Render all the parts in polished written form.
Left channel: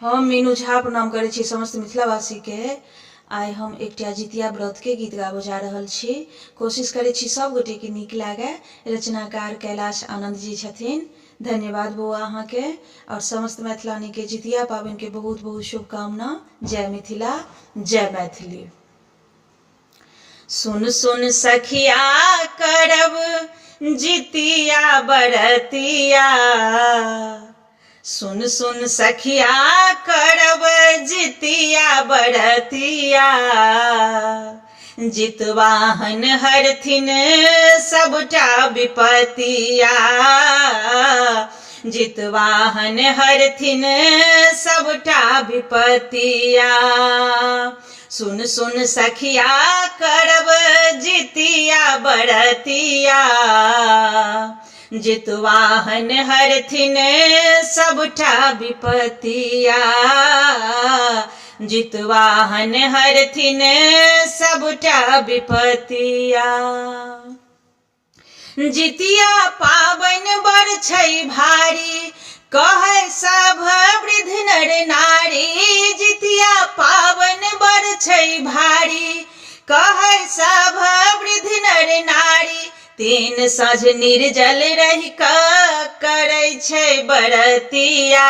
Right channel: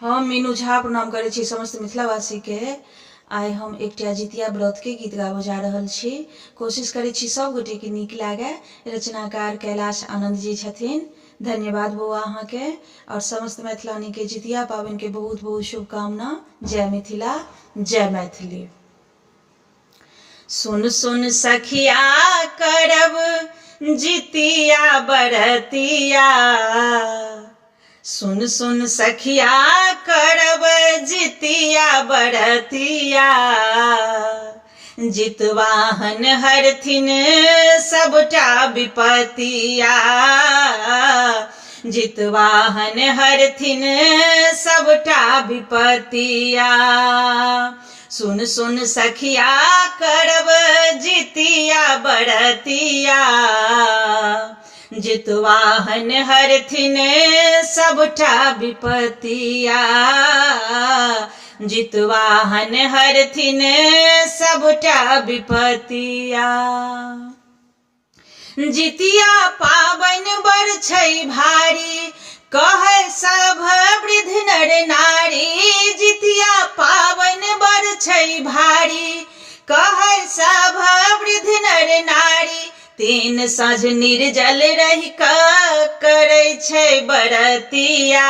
हम मीनू झा प्रणाम करै छी समस्त मिथिलावासी के। आइ हम एकटा जितिया व्रत के गीत गाबो जा रहल छी। कोशिश करै छी सब गोटे के नीक लागे। रचनाकार कैलाश आनंद जी छथिन। धन्यवाद बउआ अहाँ के। और समस्त मैथिलानी के जितिया पाबनि के बहुत बहुत शुभकामना। जय मिथिला, जय मैथिली। सुन सुन सखिया करब जितिया बरतिया, सुन सुन सखिया करब जितिया बरतिया, जितवाहन हरथिन सबटा विपतिया, जितवाहन हरथिन सबटा विपतिया। सुन सुन सखिया करब जितिया बरतिया, जितवाहन हरथिन सबटा विपतिया, जितवाहन हरथिन सबटा विपतिया। जितिया पाबनि बड़ छै भारी, कहै सब वृद्ध नर नारी। जितिया पाबनि बड़ छै भारी, कहै सब वृद्ध नर नारी। तीन साँझ निर्जल रहि कऽ करै छै बरतिया,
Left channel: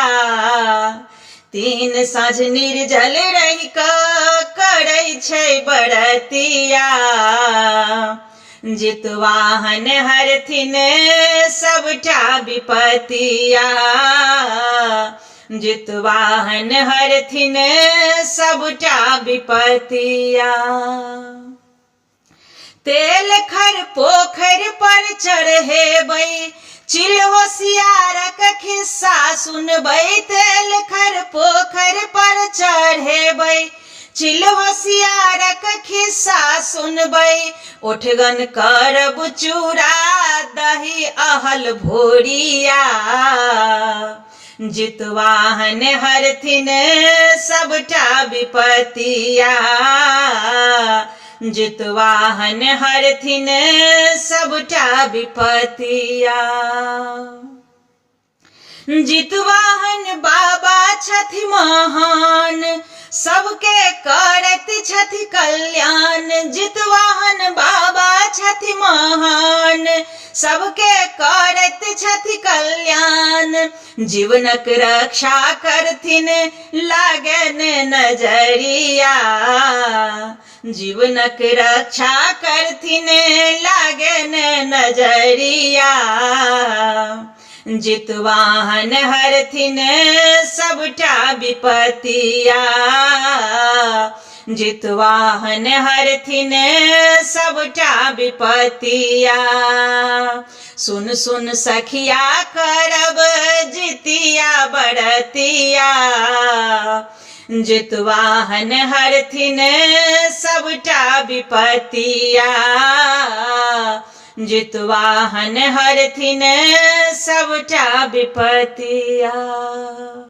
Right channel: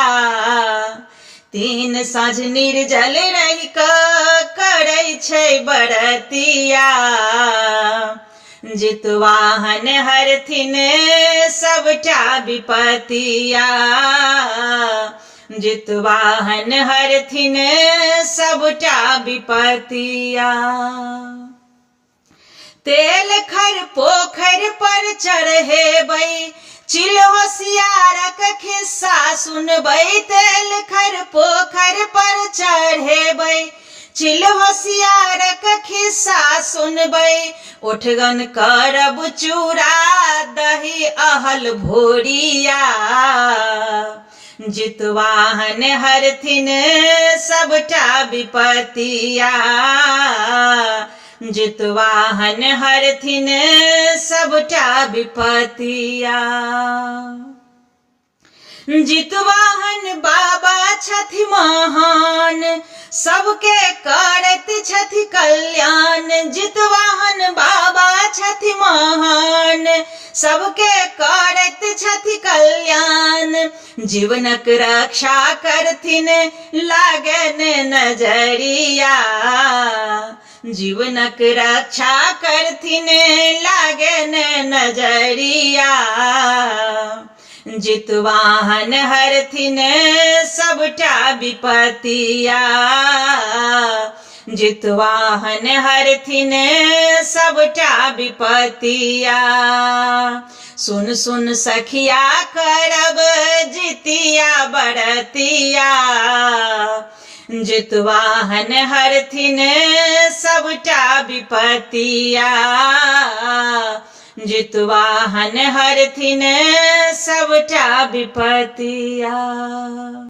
तीन साँझ निर्जल रहि कऽ करै छै बरतिया, जितवाहन हरथिन सबटा विपतिया, जितवाहन हरथिन सबटा विपतिया। तेल खर पोखरि पर चढ़ेबै, चिल होशियारक खिस्सा सुनबै। तेल खर पोखरि पर चढ़ेबै, चिल होशियारक खिस्सा सुनबै। ओठगन करब चूड़ा दही अहल भोरिया, जितवाहन हरथिन सबटा विपतिया, जितवाहन हरथिन सबटा विपतिया। जितवाहन बाबा छथि महान, सबके करैत छथि कल्याण। जितवाहन बाबा छथि महान, सबके करैत छथि कल्याण। जीवनक रक्षा करथिन लागन नजरिया, जीवनक रक्षा करथिन लागन नजरिया, जितवाहन हरथिन सबटा विपतिया, जितवाहन हरथिन सबटा विपतिया। सुन सुन सखिया करब जितिया बरतिया, जितवाहन हरथिन सबटा विपतिया, जितवाहन हरथिन सबटा विपतिया।